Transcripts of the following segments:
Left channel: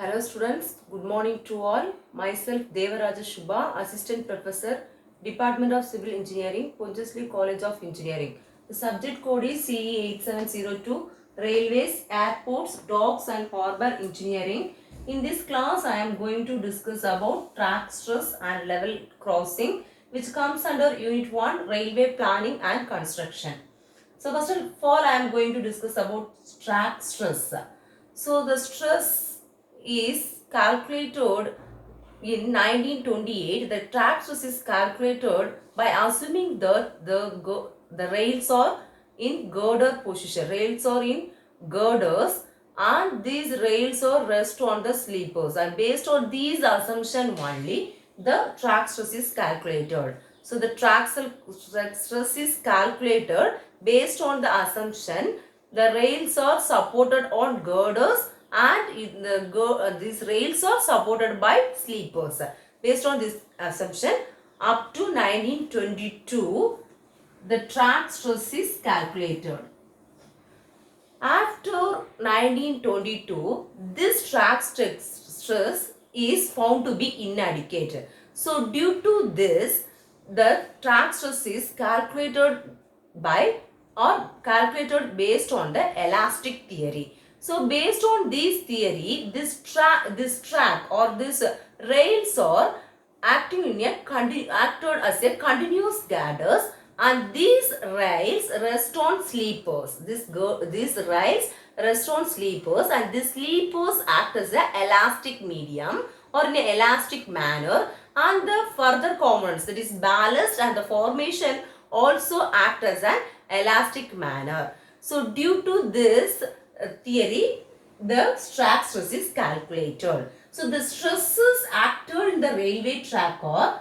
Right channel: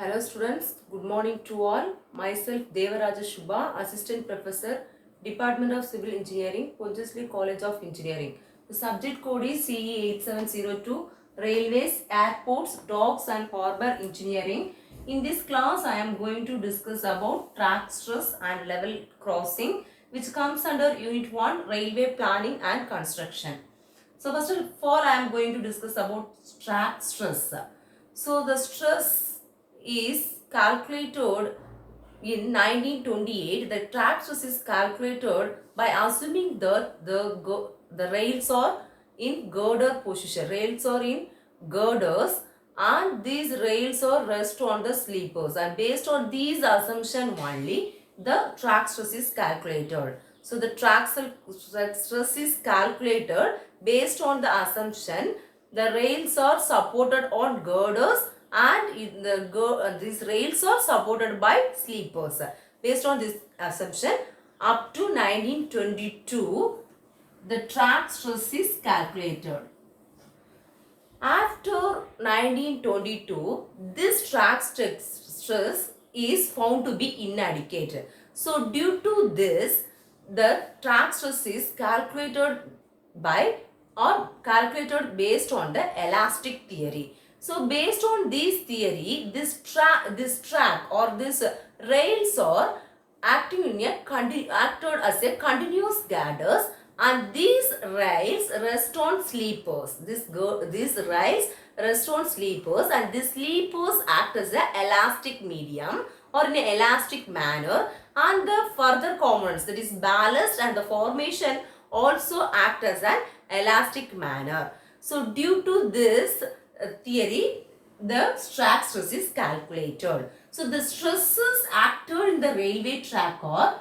Hello students, good morning to all. Myself Devaraja Shubha, Assistant Professor, Department of Civil Engineering, Pondicherry College of Engineering. The subject code is CE8702, Railways, Airports, Docks and Harbour Engineering. In this class, I am going to discuss about track stress and level crossing, which comes under Unit 1, Railway Planning and Construction. So first of all, I am going to discuss about track stress. So the stress is calculated in 1928. The track stress is calculated by assuming that the rails are in girder position. Rails are in girders and these rails are rest on the sleepers, and based on these assumption only the track stress is calculated. So the track stress is calculated based on the assumption the rails are supported on girders and these rails are supported by sleepers. Based on this assumption, up to 1922, the track stress is calculated. After 1922, this track stress is found to be inadequate. So due to this, the track stress is calculated by or calculated based on the elastic theory. So based on this theory, this track or this rails are acting in a acted as a continuous girders, and these rails rest on sleepers. These rails rest on sleepers, and these sleepers act as an elastic medium or in an elastic manner, and the further components, that is ballast and the formation, also act as an elastic manner. So due to this theory, the track stress is calculated. So the stresses acted in the railway track are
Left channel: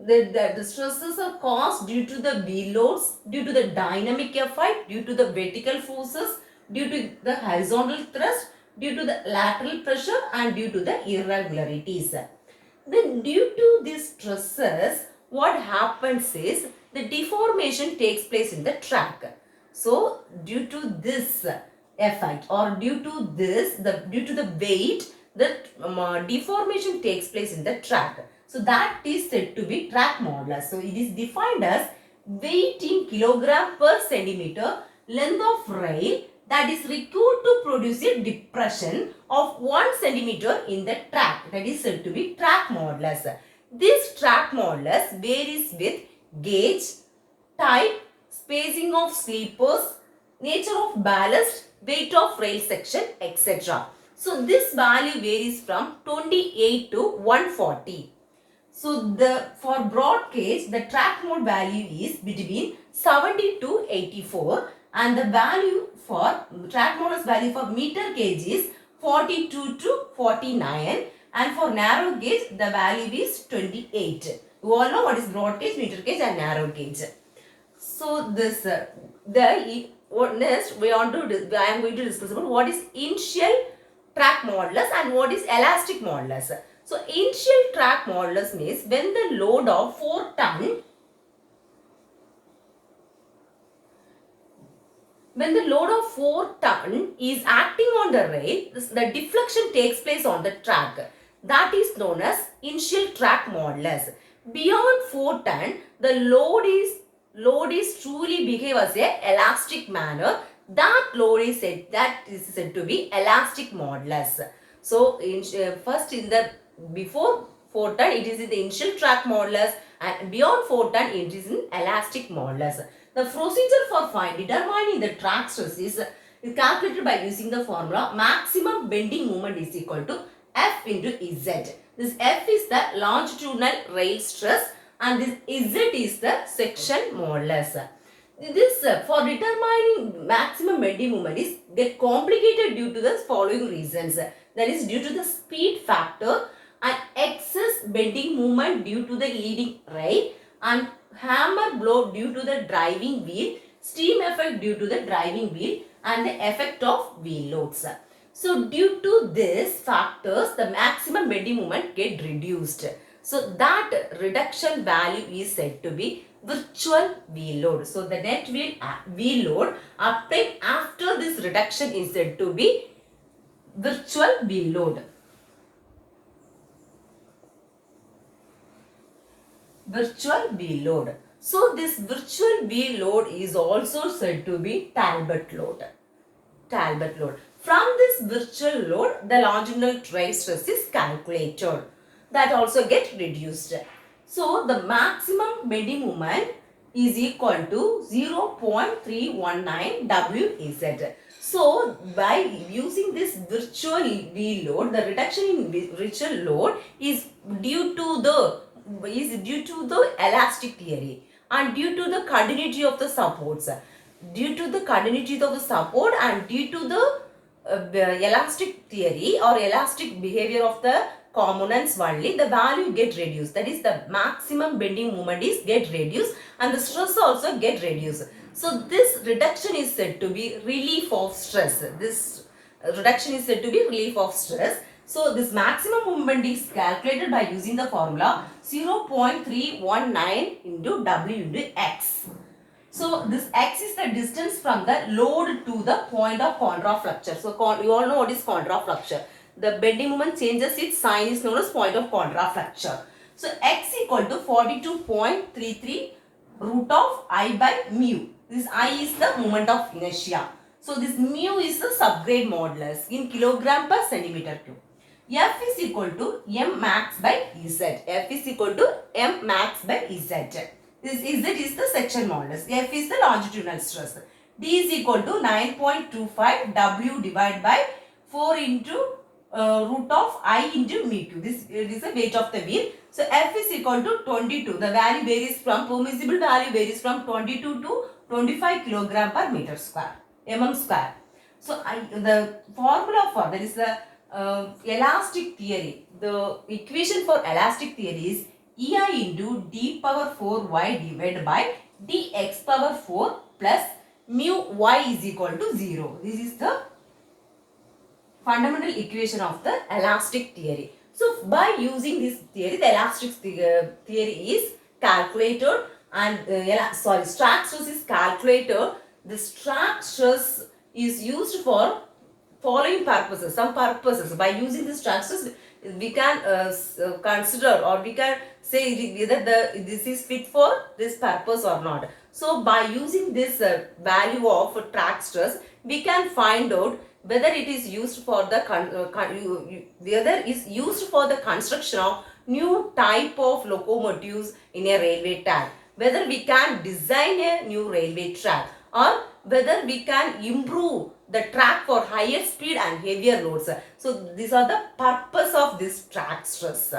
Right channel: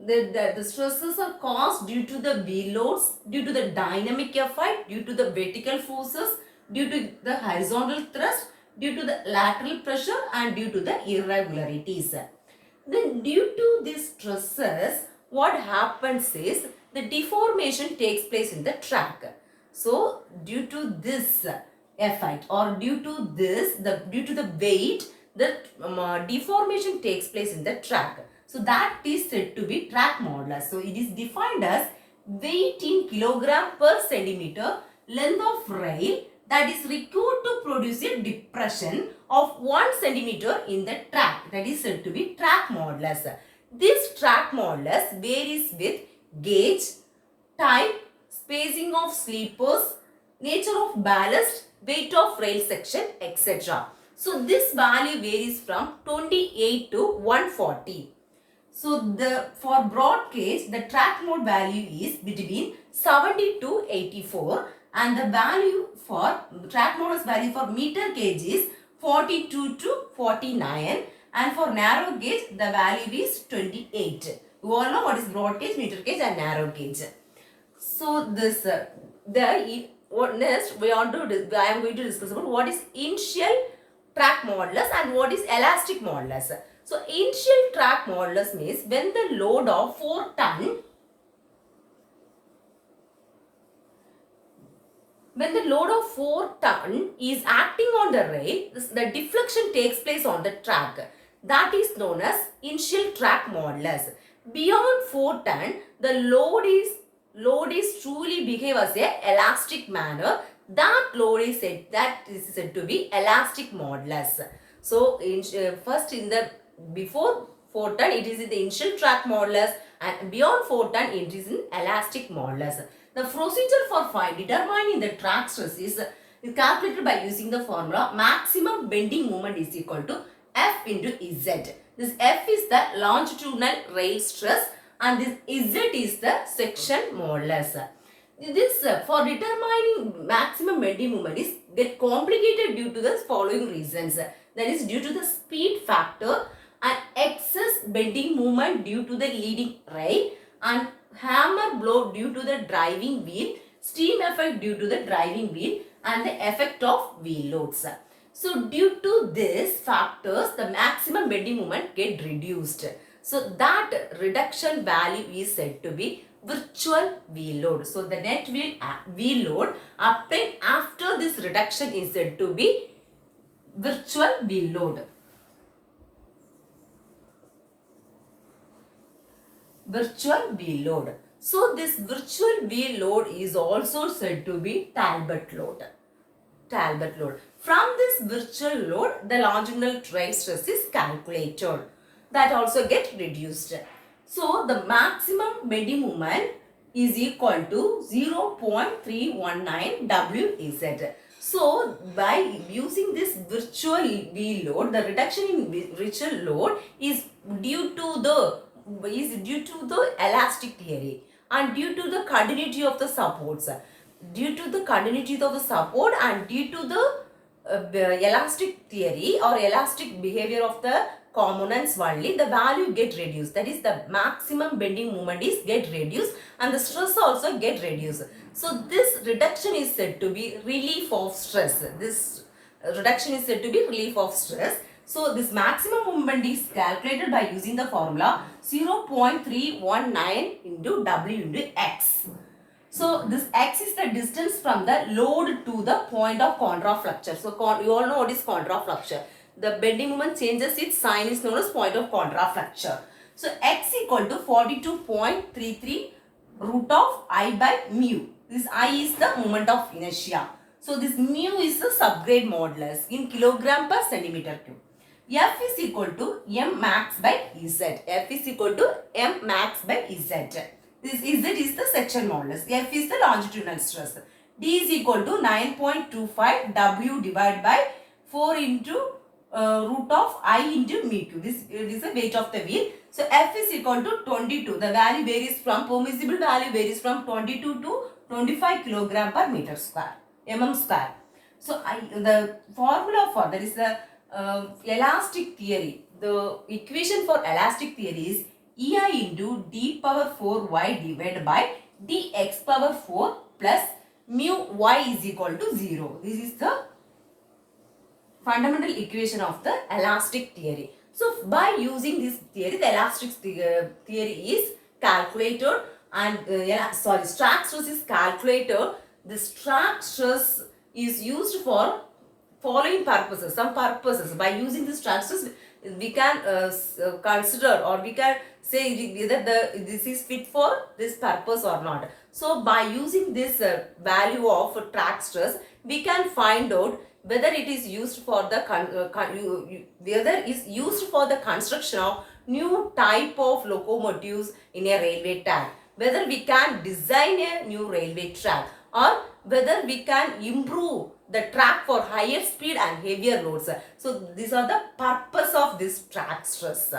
the stresses are caused due to the wheel loads, due to the dynamic effect, due to the vertical forces, due to the horizontal thrust, due to the lateral pressure, and due to the irregularities. Then due to these stresses, what happens is the deformation takes place in the track. So due to this effect or due to this, due to the weight, the deformation takes place in the track. So that is said to be track modulus. So it is defined as weight in kilogram per centimeter length of rail that is required to produce a depression of 1 centimeter in the track. That is said to be track modulus. This track modulus varies with gauge, type, spacing of sleepers, nature of ballast, weight of rail section, etc. So this value varies from 28 to 140. So for broad gauge, the track mode value is between 70 to 84, and the value for track mode's value for meter gauge is 42 to 49, and for narrow gauge the value is 28. You all know what is broad gauge, meter gauge and narrow gauge. So this next I am going to discuss about what is initial track modulus and what is elastic modulus. So initial track modulus means when the load of 4 ton, is acting on the rail, the deflection takes place on the track. That is known as initial track modulus. Beyond 4 ton, the load is truly behave as a elastic manner. That load is said to be elastic modulus. So first in the before 4 ton it is in the initial track modulus, and beyond 4 ton it is in elastic modulus. The procedure for determining the track stress is calculated by using the formula maximum bending moment is equal to F into Z. This F is the longitudinal rail stress and this Z is the section modulus. This for determining maximum bending moment is get complicated due to the following reasons. That is due to the speed factor and excess bending moment due to the leading rail, and hammer blow due to the driving wheel, steam effect due to the driving wheel, and the effect of wheel loads. So due to these factors, the maximum bending moment get reduced. So that reduction value is said to be virtual wheel load. So the net wheel load obtained after this reduction is said to be virtual wheel load. virtual wheel load. So this virtual wheel load is also said to be Talbot load. Talbot load. From this virtual load, the longitudinal drive stress is calculated. That also get reduced. So the maximum bending moment is equal to 0.319 WZ. So by using this virtual wheel load, the reduction in virtual load is due to the elastic theory and due to the continuity of the supports. Due to the continuity of the support and due to the elastic theory or elastic behavior of the components only, the value get reduced. That is, the maximum bending moment is get reduced and the stress also get reduced. So this reduction is said to be relief of stress. This reduction is said to be relief of stress. So this maximum moment is calculated by using the formula 0.319 into W into X. So this X is the distance from the load to the point of contrafluxure. So you all know what is contrafluxure. The bending moment changes its sign is known as point of contrafluxure. So X equal to 42.33 root of I by mu. This I is the moment of inertia. So this mu is the subgrade modulus in kilogram per centimeter cube. F is equal to m max by Z. F is equal to m max by Z. This Z is the section modulus. F is the longitudinal stress. D is equal to 9.25 W divided by 4 into root of I into mu cube. This is the weight of the wheel. So F is equal to 22. The value varies from, permissible value varies from 22 to 25 kilogram per meter square, mm square. So the formula for that is the elastic theory. The equation for elastic theory is EI into d power 4y divided by dx power 4 plus mu y is equal to 0. This is the fundamental equation of the elastic theory. So by using this theory, the elastic theory is calculated and Strag stress is calculated. The Strag stress is used for following purposes, some purposes. By using this Strag stress, we can consider or we can say whether this is fit for this purpose or not. So by using this value of Strag stress, we can find out whether it is used for the construction of new type of locomotives in a railway track, whether we can design a new railway track, or whether we can improve the track for higher speed and heavier loads. So these are the purpose of this Strag stress.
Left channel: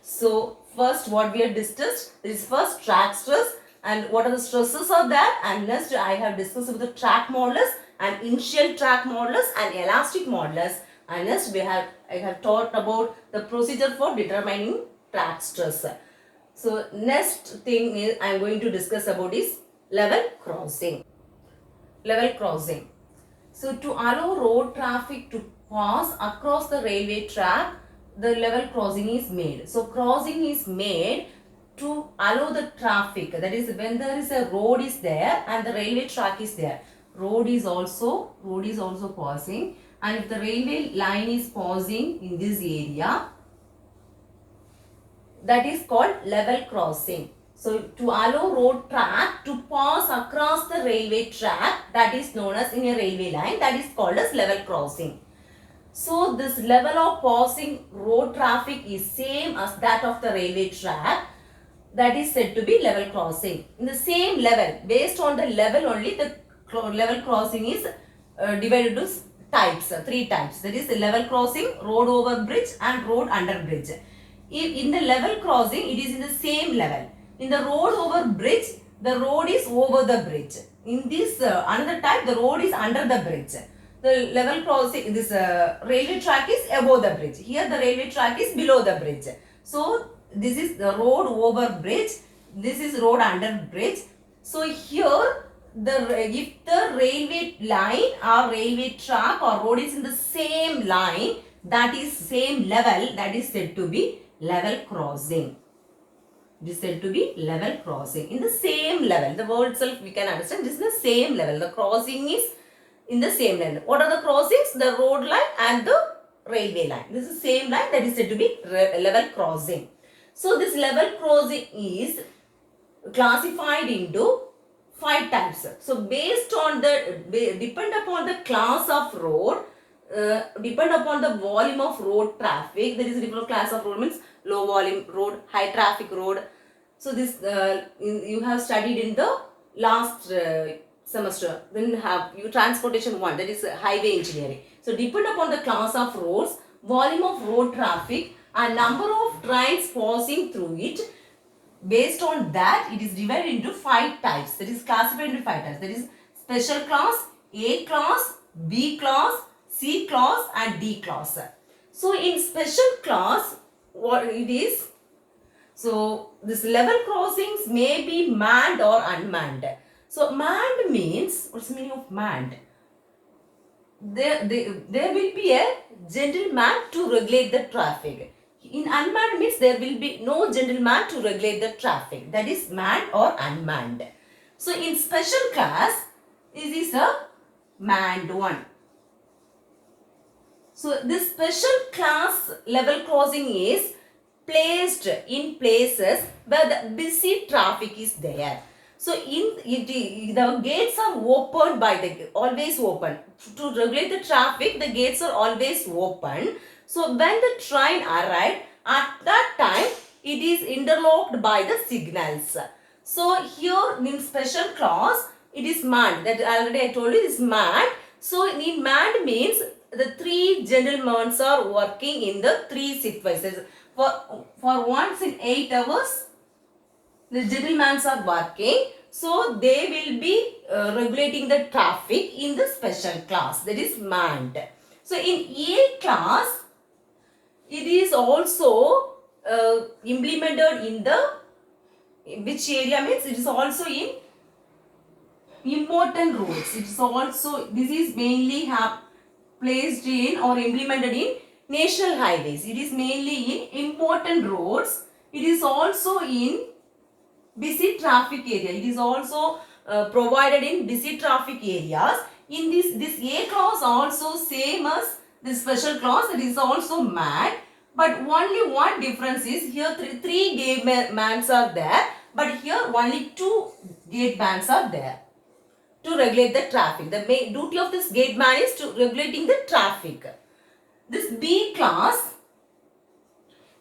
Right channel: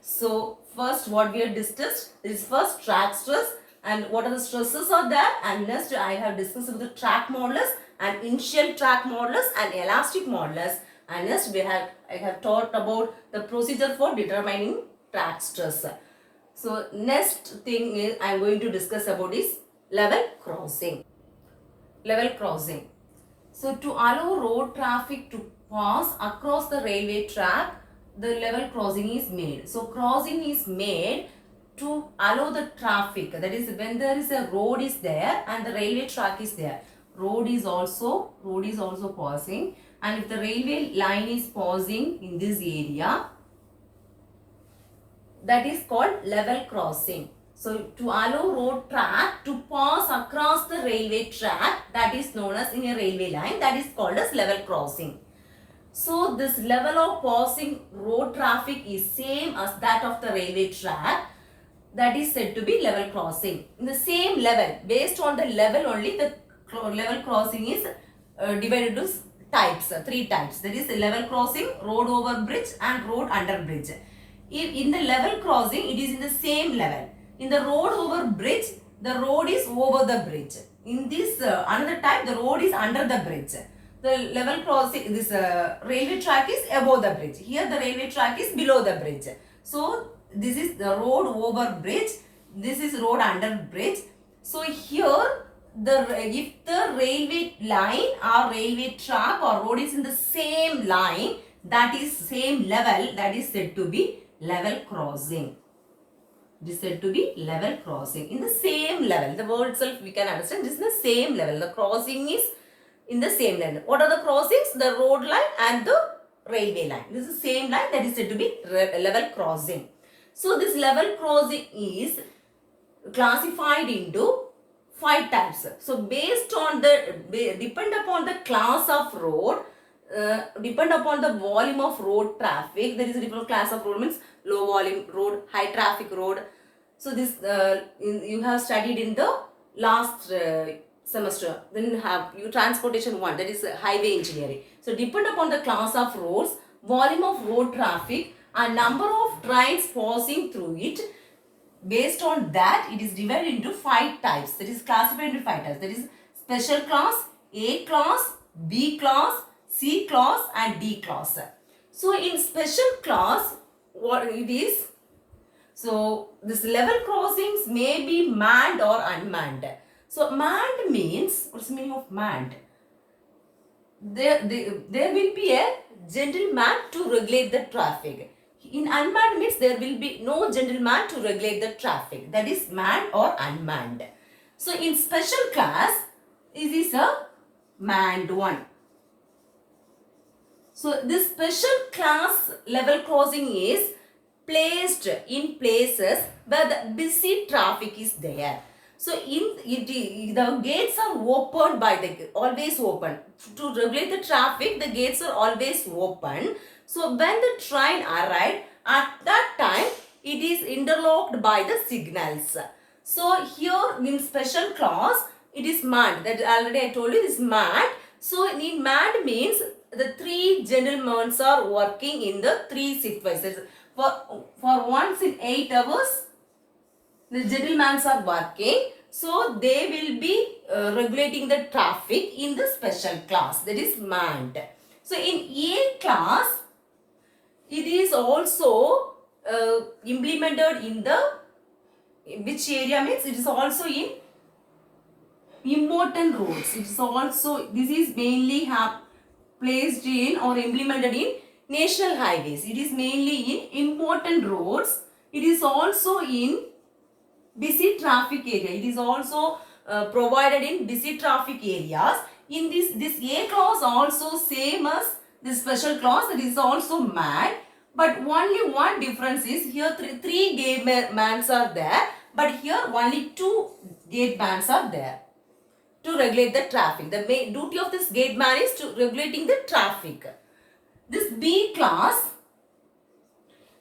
So first what we have discussed is first Strag stress and what are the stresses are there, and next I have discussed about the track modulus and initial track modulus and elastic modulus, and next I have taught about the procedure for determining track stress. So next thing is I am going to discuss about is level crossing. Level crossing. So to allow road traffic to pass across the railway track, the level crossing is made. So crossing is made to allow the traffic, that is when there is a road is there and the railway track is there. Road is also passing, and if the railway line is passing in this area, that is called level crossing. So to allow road track to pass across the railway track, that is known as in a railway line, that is called as level crossing. So this level of passing road traffic is same as that of the railway track, that is said to be level crossing. In the same level, based on the level only, the level crossing is divided into types, three types. That is level crossing, road over bridge and road under bridge. If in the level crossing, it is in the same level. In the road over bridge, the road is over the bridge. In this another type, the road is under the bridge. The level crossing, this railway track is above the bridge. Here the railway track is below the bridge. So this is the road over bridge. This is road under bridge. So here if the railway line or railway track or road is in the same line, that is same level, that is said to be level crossing. It is said to be level crossing. In the same level, the word itself we can understand, this is the same level. The crossing is in the same line. What are the crossings? The road line and the railway line. This is the same line, that is said to be level crossing. So this level crossing is classified into 5 types. So based on the, depend upon the class of road, depend upon the volume of road traffic. There is a different class of road, means low volume road, high traffic road. So this you have studied in the last semester. Then you transportation 1, that is highway engineering. So depend upon the class of roads, volume of road traffic and number of trains passing through it. Based on that, it is divided into 5 types. That is classified into 5 types. That is special class, A class, B class, C class and D class. So in special class, what it is? So this level crossings may be manned or unmanned. So manned means, what's the meaning of manned? There will be a gentleman to regulate the traffic. In unmanned means there will be no gentleman to regulate the traffic. That is manned or unmanned. So in special class, this is a manned one. So this special class level crossing is placed in places where the busy traffic is there. So the gates are opened by the, always open. To regulate the traffic, the gates are always open. So when the train arrived, at that time, it is interlocked by the signals. So here in special class, it is manned. That already I told you is manned. So in manned means the 3 gentlemen are working in the 3 shift wise. For once in 8 hours, the gentlemen are working. So they will be regulating the traffic in the special class. That is manned. So in A class, it is also implemented in the, which area means it is also in important roads. It is also, this is mainly placed in or implemented in national highways. It is mainly in important roads. It is also in busy traffic area. It is also provided in busy traffic areas. In this A class also same as this special class, it is also manned. But only one difference is here three gatemans are there, but here only 2 gatemans are there to regulate the traffic. The main duty of this gateman is to regulating the traffic. This B class,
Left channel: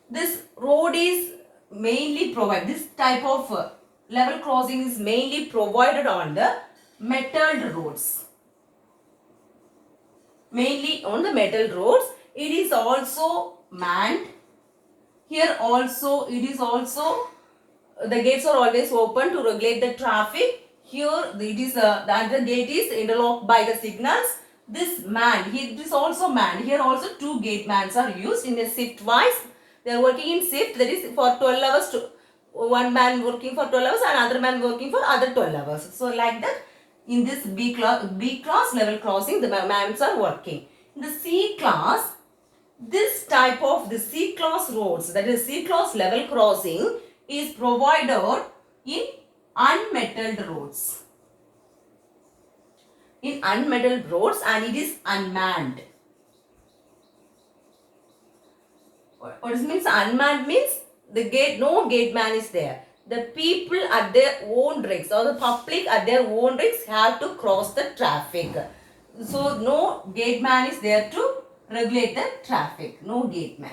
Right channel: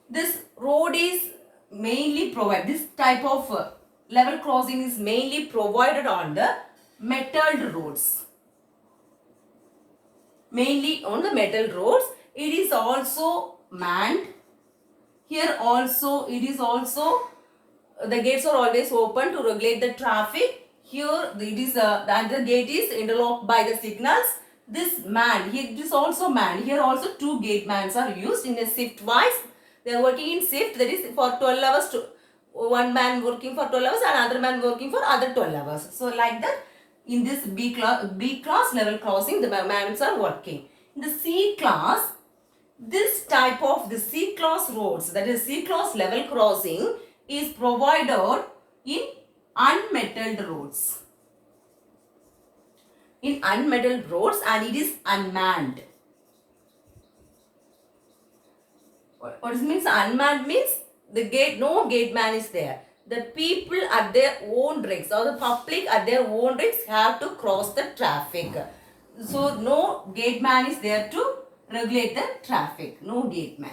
this road is mainly provided, this type of level crossing is mainly provided on the metalled roads. Mainly on the metal roads. It is also manned. Here also, it is also, the gates are always open to regulate the traffic. Here it is, the other gate is interlocked by the signals. This man, it is also manned. Here also 2 gatemans are used in a shift wise. They are working in shift, that is for 12 hours to one man working for 12 hours and another man working for other 12 hours. So like that, in this B class level crossing, the mans are working. In the C class, this type of the C class roads, that is C class level crossing, is provided in unmetalled roads. In unmetalled roads, and it is unmanned. What it means unmanned means the gate, no gateman is there. The people at their own risks, or the public at their own risks have to cross the traffic. So no gateman is there to regulate the traffic. No gateman.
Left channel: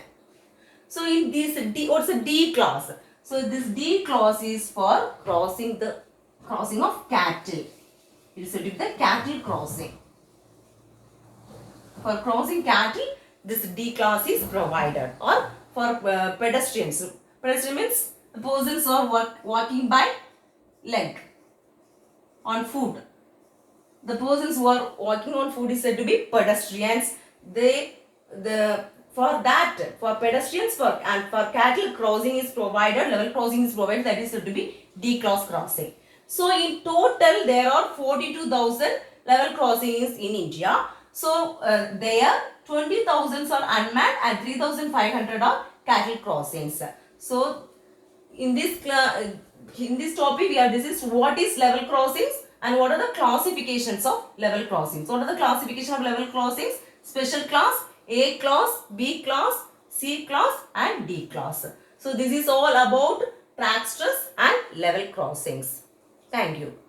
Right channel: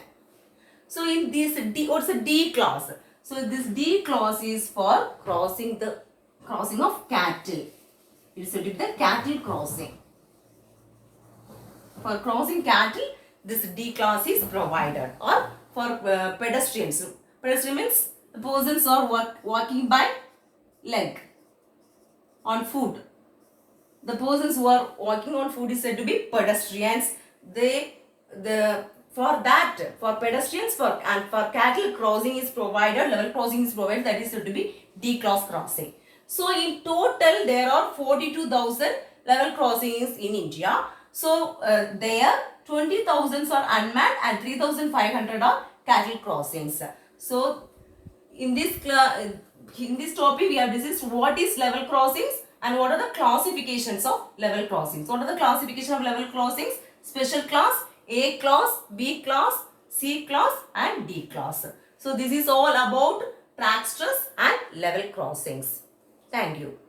So in this D, what's a D class? So this D class is for crossing of cattle. It is to do the cattle crossing. For crossing cattle, this D class is provided. Or for pedestrians. Pedestrian means the persons are walking by leg, on foot. The persons who are walking on foot is said to be pedestrians. For pedestrians and for cattle crossing is provided, level crossing is provided, that is said to be D class crossing. So in total there are 42,000 level crossings in India. So there 20,000 are unmanned and 3,500 are cattle crossings. So in this topic we have discussed what is level crossings and what are the classifications of level crossings. What are the classification of level crossings? Special class, A class, B class, C class and D class. So this is all about track stress and level crossings. Thank you.